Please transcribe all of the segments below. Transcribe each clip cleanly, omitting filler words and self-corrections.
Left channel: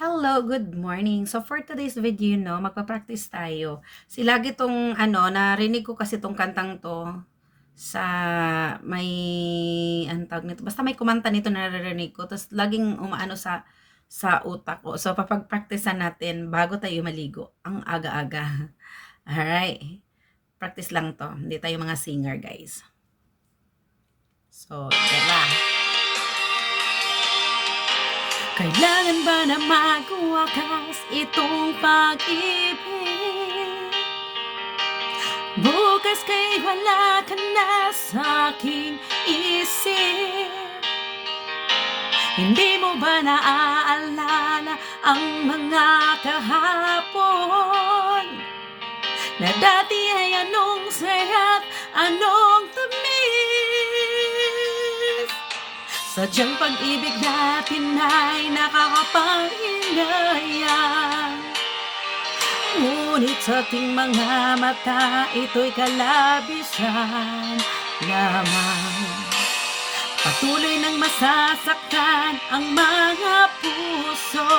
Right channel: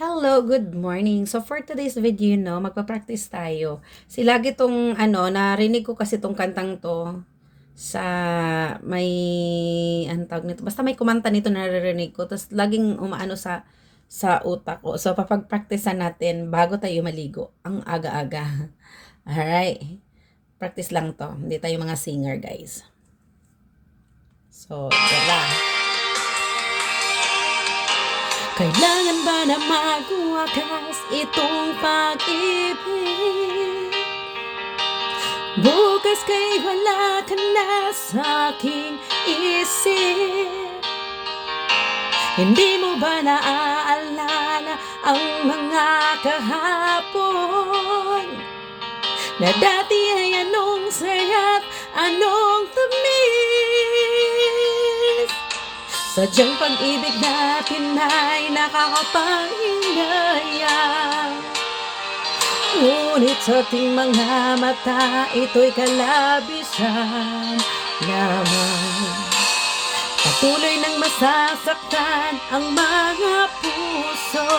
Hello, good morning. So for today's video, no, magpa-practice tayo. Lagi tong narinig ko kasi tong kantang to sa may anong tawag nito. Basta may kumanta nito na naririnig ko. Tapos laging umaano sa utak ko. So papag-practicean natin bago tayo maligo. Ang aga-aga. Alright. Practice lang to. Hindi tayo mga singer, guys. So, tara. Kailangan ba na magwakas itong pag-ibig? Bukas kay wala ka na sa aking isip. Hindi mo ba naaalala ang mga kahapon? Na dati ay anong saya't anong tamis. Sadyang pag-ibig natin ay nakakapangingaya. Ngunit sa ating mga mata, ito'y kalabisan lamang. Patuloy nang masasaktan ang mga puso.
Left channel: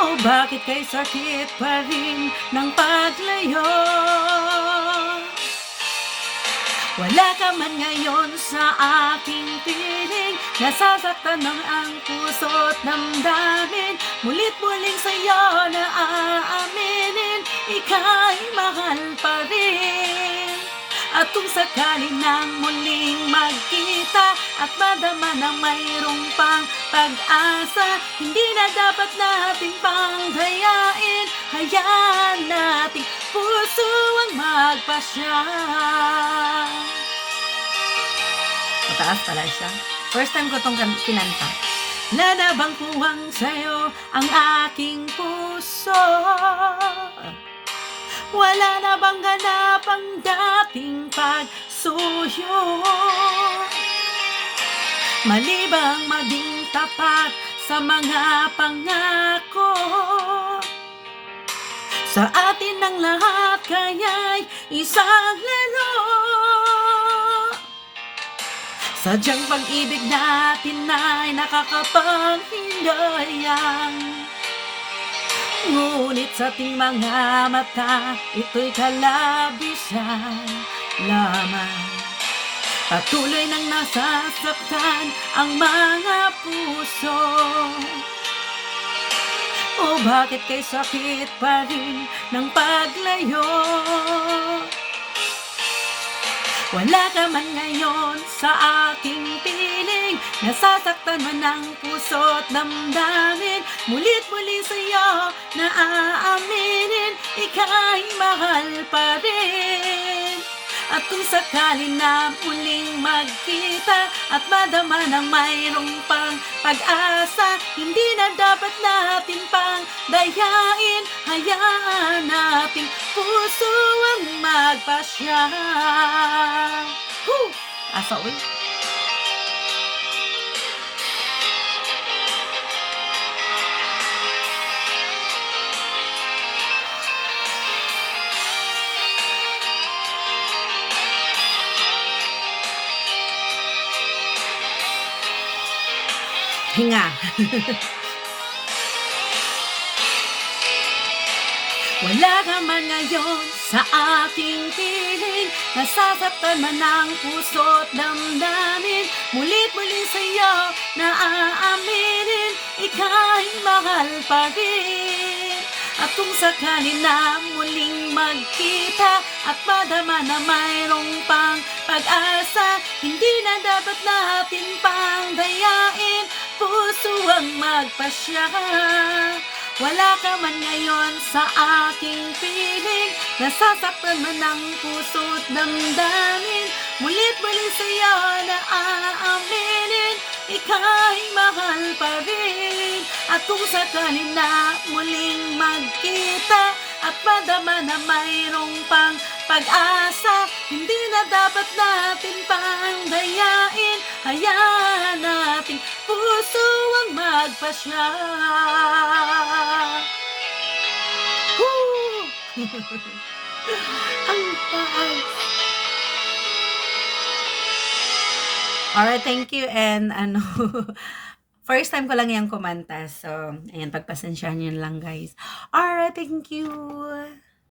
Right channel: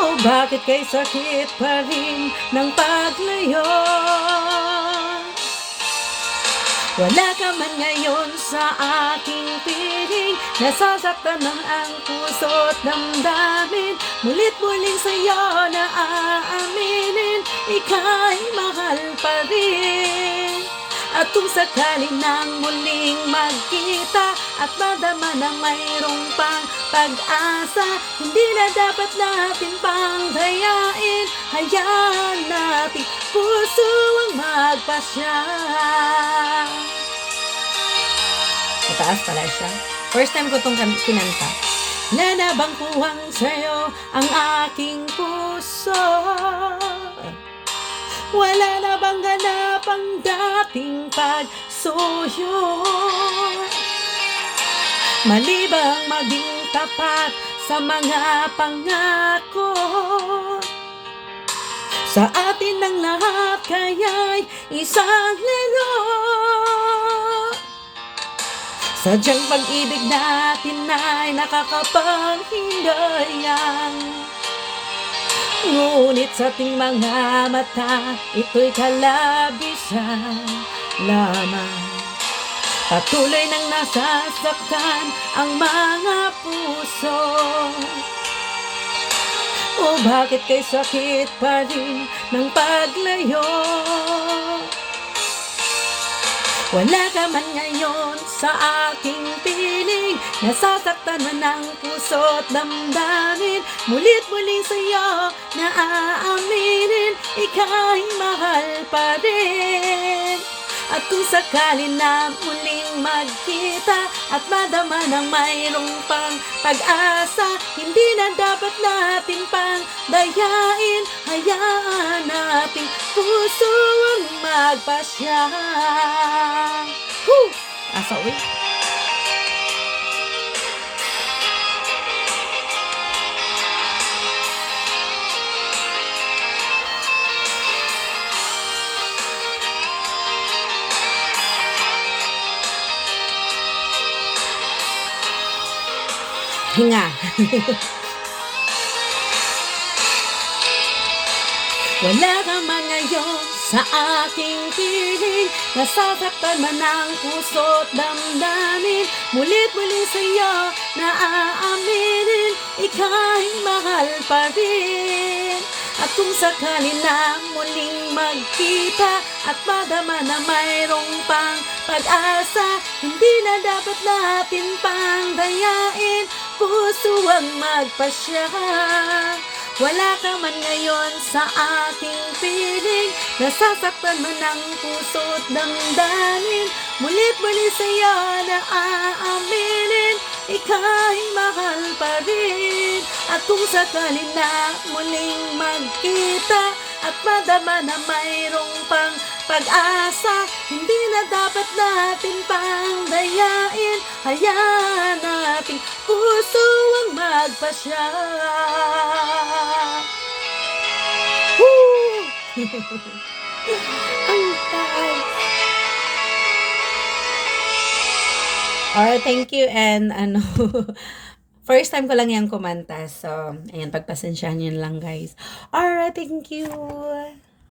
O bakit kay sakit pa rin ng paglayo? Wala ka man ngayon sa aking piling. Nasasaktan ng ang puso't damdamin. Mulit-muling sa'yo na aaminin, ika'y mahal pa rin. At kung sakali nang muling magkita at madama na mayroong pang pag-asa, hindi na dapat natin pang dayain. Hayaan nating puso ang magpasya. Mataas pala siya. First time ko itong kinanta. Nanabang kuwang sa'yo ang aking puso. Wala na bang ganap ang dating pagsuyo? Mali bang maging tapat sa mga pangako? Sa atin ang lahat kaya'y isang laro. Sadyang pag-ibig natin ay nakakapanghinayang. Ngunit sa ating mga mata, ito'y kalabisan lamang. Patuloy nang nasasaktan ang mga puso. O bakit kay sakit pa rin ng paglayo? Wala ka man ngayon sa aking piling. Nasasaktan man ang puso't damdamin. Mulit-muli sa'yo na aaminin, ika'y mahal pa rin. At kung sakali na muling magkita at madama ng mayroong pang pag-asa, hindi na dapat natin pang dayain. Hayaan nating puso ang magpasya. Asa uwi? Hinga. Wala ka man ngayon sa aking piling. Nasasaktan man ang puso't damdamin. Mulit-muli sa'yo na aaminin, ika'y mahal pa rin. At kung sakali na muling magkita at madama na mayroong pang pag-asa, hindi na dapat natin pang dayain. Puso ang magpasya. Wala ka man ngayon sa aking piling. Nasasaktan man ang puso't damdamin. Mulit-muli sa'yo na aaminin, ika'y mahal pa rin. At kung sakali na muling magkita at madama na mayroong pang pag-asa, hindi na dapat natin pang dayain. Hayaan nating puso ang magpasya. Ang taas. Alright, thank you and First time ko lang yan kumanta. So, ayan, pagpasensyahan yun lang, guys. Alright, thank you.